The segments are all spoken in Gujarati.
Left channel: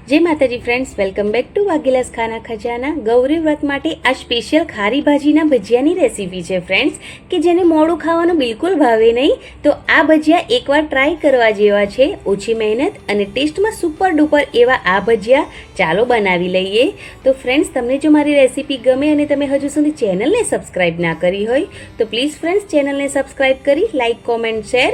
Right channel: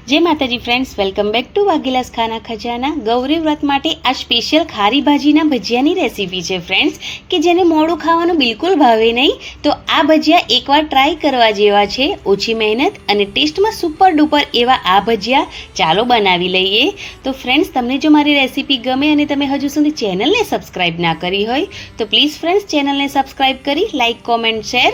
जय माताजी फ्रेंड्स, वेलकम बेक टू वाघेलास खाना खजाना। गौरी व्रत माटे आ स्पेशियल खारी भाजीना भजियानी रेसिपी है फ्रेंड्स कि जेने मोड़ू खावानुं बिल्कुल भावे नहीं, तो आ भजिया एकवार ट्राय करवा जेवा छे। ओછી મહેનત અને ટેસ્ટમાં સુપર ડુપર એવા આ ભજીયા ચાલો બનાવી લઈએ। તો ફ્રેન્ડ્સ, તમને જો મારી રેસિપી ગમે અને તમે હજુ સુધી ચેનલને સબસ્ક્રાઇબ ના કરી હોય તો પ્લીઝ ફ્રેન્ડ્સ ચેનલને સબસ્ક્રાઇબ કરી લાઇક કોમેન્ટ શેર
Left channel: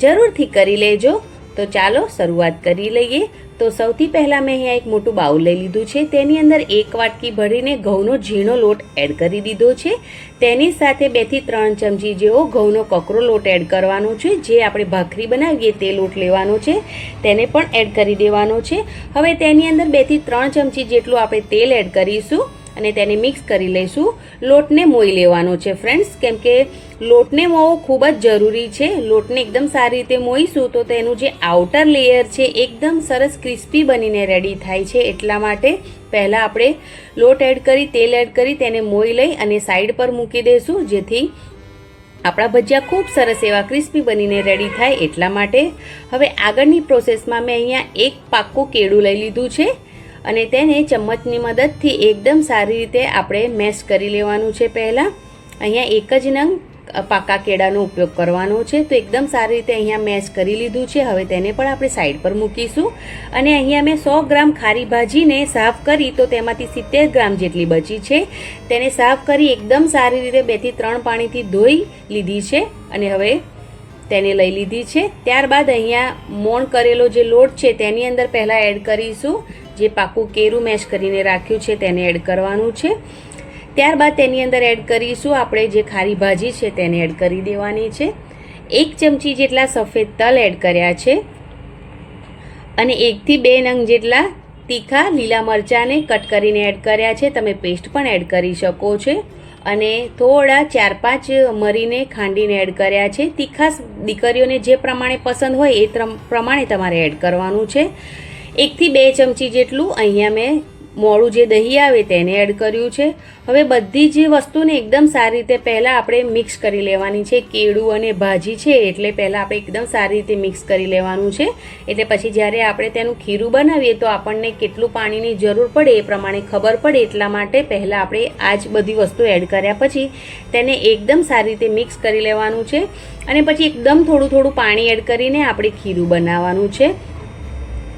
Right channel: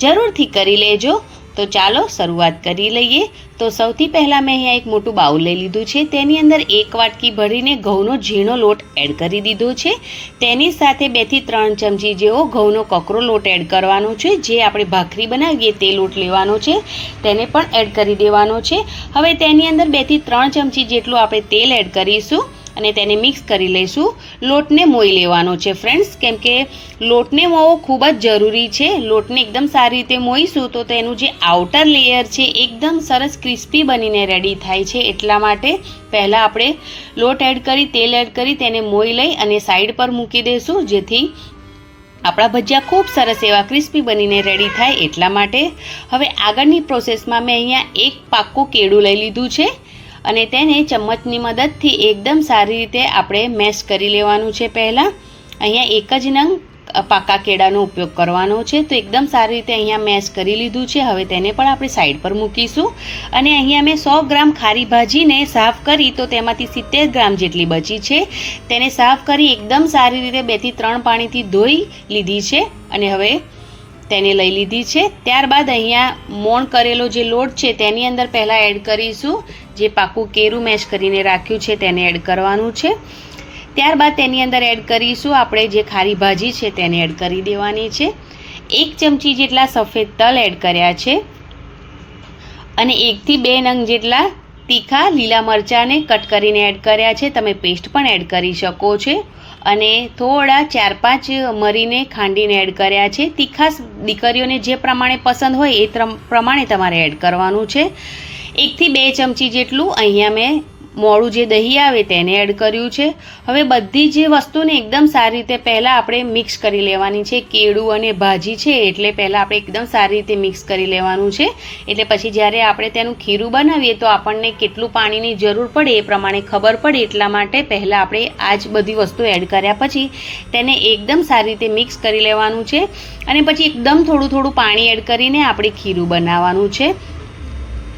જરૂરથી કરી લેજો। तो चालो शुरुआत करी लईए। तो सौथी पहला मैं अहींया एक मोटुं बाउल लई लीधुं छे, तेनी अंदर एक वाटकी भरीने घऊनो झीणो लोट एड करी दीधो छे। तेनी साथे 2 થી 3 चमची जेवो घऊनो ककरो लोट एड करवानो छे। जे आपणे भाखरी बनावीए ते लोट लेवानो छे, तेने पण एड करी देवानो छे। हवे तेनी अंदर 2 થી 3 चमची जेटલું આપણે तेल एड करीशुं અને તેને મિક્સ કરી લઈશું। લોટને મોઈ લેવાનો છે ફ્રેન્ડ્સ, કેમ કે લોટને મોવો ખૂબ જ જરૂરી છે। લોટને એકદમ સારી રીતે મોઈશું તો તેનું જે આઉટર લેયર છે એકદમ સરસ ક્રિસ્પી બનીને રેડી થાય છે। એટલા માટે પહેલાં આપણે લોટ એડ કરી તેલ એડ કરી તેને મોઈ લઈ અને સાઈડ પર મૂકી દઈશું, જેથી આપણા ભજીયા ખૂબ સરસ એવા ક્રિસ્પી બનીને રેડી થાય। એટલા માટે હવે આગળની પ્રોસેસમાં મેં અહીંયા એક પાક્કું કેળું લઈ લીધું છે અને તેને ચમચની મદદથી એકદમ સારી રીતે આપણે મેશ કરી લેવાનું છે। પહેલાં અહીંયા એક જ નંગ પાકા કેળાનો ઉપયોગ કરવાનો છે, તો એકદમ સારી રીતે અહીંયા મેશ કરી લીધું છે। હવે તેને પણ આપણે સાઈડ પર મૂકીશું અને અહીંયા મેં 100 ગ્રામ ખારી ભાજીને સાફ કરી તો તેમાંથી 70 ગ્રામ જેટલી બચી છે, તેને સાફ કરી એકદમ સારી રીતે 2 થી 3 પાણીથી ધોઈ લીધી છે અને હવે તેને લઈ લીધી છે। ત્યારબાદ અહીંયા મોણ કરેલો જે લોટ છે તેની અંદર પહેલાં એડ કરીશું, જે પાકું કેરું મેશ કરીને રાખ્યું છે તેને એડ કરવાનું છે। ત્યારબાદ તેની અંદર એડ કરીશું આપણે જે ખારી ભાજી છે તેને એડ કરી દેવાની છે। 1 ચમચી જેટલા સફેદ તલ એડ કર્યા છે અને 1 થી 2 નંગ જેટલા તીખા લીલા મરચાંને કટ કરીને એડ કર્યા છે, તમે પેસ્ટ પણ એડ કરી શકો છો। અને થોડા 4-5 મરીને ખાંડીને એડ કર્યા છે। તીખાશ દીકરીઓને જે પ્રમાણે પસંદ હોય એ પ્રમાણે તમારે એડ કરવાનું છે। 1 થી 2 ચમચી જેટલું અહીંયા મેં મોળું જે દહીં આવે તેને એડ કર્યું છે। હવે બધી જ વસ્તુને એકદમ સારી રીતે પહેલાં આપણે મિક્સ કરી લેવાની છે। કેળું અને ભાજી છે એટલે પહેલાં આપણે એકદમ સારી રીતે મિક્સ કરી લેવાનું છે, એટલે પછી જ્યારે આપણે તેનું ખીરું બનાવીએ તો આપણને કેટલું પાણીની જરૂર પડે એ પ્રમાણે ખબર પડે। એટલા માટે પહેલાં આપણે આ જ બધી વસ્તુ એડ કર્યા પછી તેને એકદમ સારી રીતે મિક્સ કરી લેવાનું છે અને પછી એકદમ થોડું થોડું પાણી એડ કરીને આપણે ખીરું બનાવવાનું છે।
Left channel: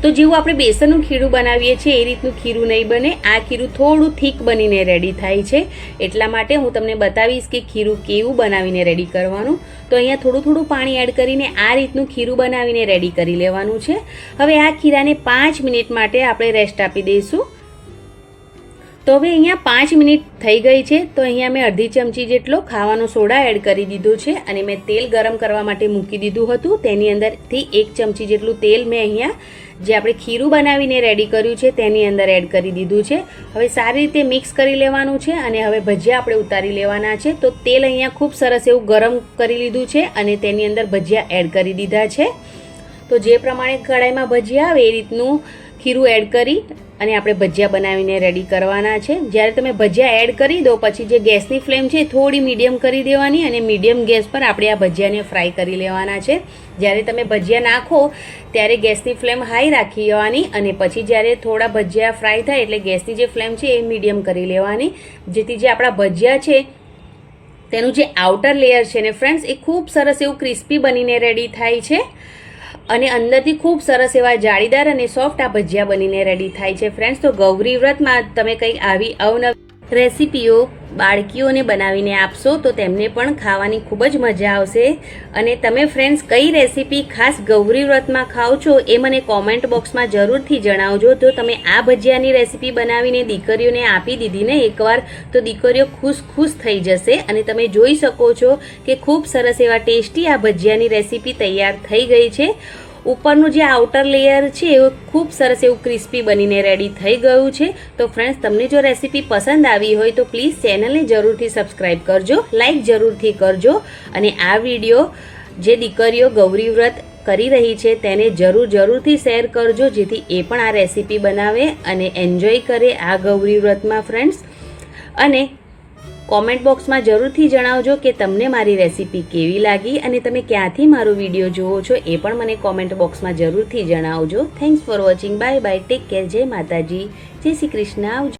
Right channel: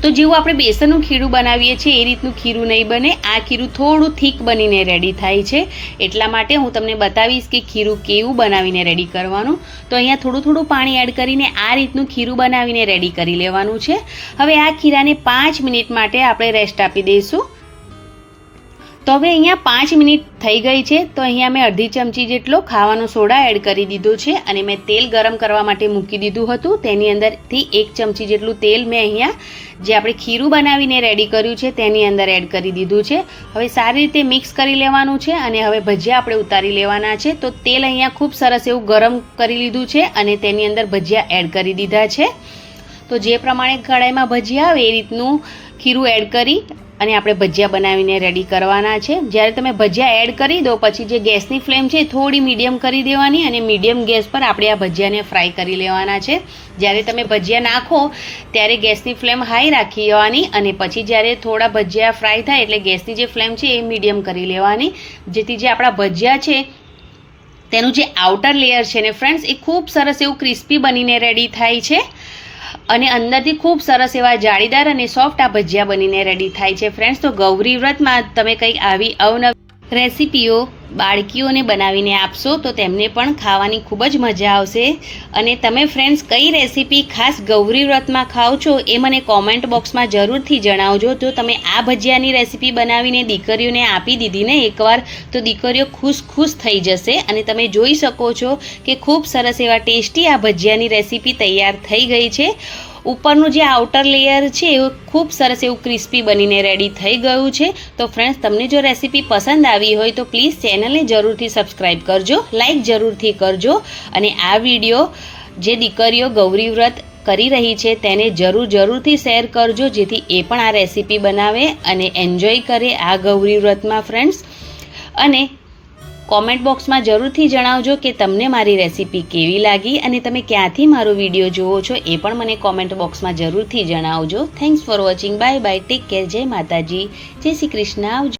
તો જેવું આપણે બેસનનું ખીરું બનાવીએ છીએ એ રીતનું ખીરું નહીં બને, આ ખીરું થોડું થીક બનીને રેડી થાય છે। એટલા માટે હું તમને બતાવીશ કે ખીરું કેવું બનાવીને રેડી કરવાનું। તો અહીંયા થોડું થોડું પાણી એડ કરીને આ રીતનું ખીરું બનાવીને રેડી કરી લેવાનું છે। હવે આ ખીરાને 5 મિનિટ માટે આપણે રેસ્ટ આપી દઈશું। તો હવે અહીંયા 5 મિનિટ થઈ ગઈ છે, તો અહીંયા મેં અડધી ચમચી જેટલો ખાવાનો સોડા એડ કરી દીધો છે અને મેં તેલ ગરમ કરવા માટે મૂકી દીધું હતું, તેની અંદરથી 1 ચમચી જેટલું તેલ મેં અહીંયા જે આપણે ખીરું બનાવીને રેડી કર્યું છે તેની અંદર એડ કરી દીધું છે। હવે સારી રીતે મિક્સ કરી લેવાનું છે અને હવે ભજીયા આપણે ઉતારી લેવાના છે। તો તેલ અહીંયા ખૂબ સરસ એવું ગરમ કરી લીધું છે અને તેની અંદર ભજીયા એડ કરી દીધા છે। તો જે પ્રમાણે કઢાઈમાં ભજીયા આવે એ રીતનું ખીરું એડ કરી અને આપણે ભજીયા બનાવીને રેડી કરવાના છે। જ્યારે તમે ભજીયા એડ કરી દો પછી જે ગેસની ફ્લેમ છે થોડી મીડિયમ કરી દેવાની અને મીડિયમ ગેસ પર આપણે આ ભજીયાને ફ્રાય કરી લેવાના છે। જ્યારે તમે ભજીયા નાખો ત્યારે ગેસની ફ્લેમ હાઈ રાખી દેવાની અને પછી જ્યારે થોડા ભજીયા ફ્રાય થાય એટલે ગેસની જે ફ્લેમ છે એ મીડિયમ કરી લેવાની, જેથી જે આપણા ભજીયા છે તેનું જે આઉટર લેયર છે ને ફ્રેન્ડ્સ એ ખૂબ સરસ એવું ક્રિસ્પી બનીને રેડી થાય છે અને અંદરથી ખૂબ સરસ એવા જાળીદાર અને સોફ્ટ આ ભજીયા બનીને રેડી થાય છે। ફ્રેન્ડ્સ, તો ગૌરી વ્રતમાં તમે કંઈક આવી અવનવી રેસીપીઓ બાળકીઓને બનાવીને આપશો તો તેમને પણ ખાવાની ખૂબ જ મજા આવશે। અને તમે ફ્રેન્ડ્સ કઈ રેસીપી ખાસ ગૌરી વ્રતમાં ખાઓ છો એ મને કોમેન્ટ બોક્સમાં જરૂરથી જણાવજો। જો તમે આ ભજીયાની રેસીપી બનાવીને દીકરીઓને આપી દીધી ને એકવાર તો દીકરીઓ ખુશ થઈ જશે અને તમે જોઈ શકો છો કે ખૂબ સરસ એવા ટેસ્ટી આ ભજીયાની રેસીપી તૈયાર થઈ ગઈ છે। ઉપરનું જે આઉટર લેયર છે એ ખૂબ સરસ એવું ક્રિસ્પી બનીને રેડી થઈ ગયું છે। તો ફ્રેન્ડ્સ, તમને જો રેસીપી પસંદ આવી હોય તો પ્લીઝ ચેનલને જરૂરથી સબસ્ક્રાઈબ કરજો, લાઈક જરૂરથી કરજો અને આ વિડીયો જે દીકરીઓ ગૌરી વ્રત કરી રહી છે તેને જરૂરથી શેર કરજો, જેથી એ પણ આ રેસીપી બનાવે અને એન્જોય કરે આ ગૌરી વ્રતમાં ફ્રેન્ડ્સ। અને કોમેન્ટ બોક્સમાં જરૂરથી જણાવજો કે તમને મારી રેસીપી કેવી લાગી અને તમે ક્યાંથી મારો વિડીયો જુઓ છો એ પણ મને કોમેન્ટ બોક્સમાં જરૂરથી જણાવજો. Thanks for watching. Bye bye. Take care. જય માતાજી. જય શ્રી કૃષ્ણ. આવજો.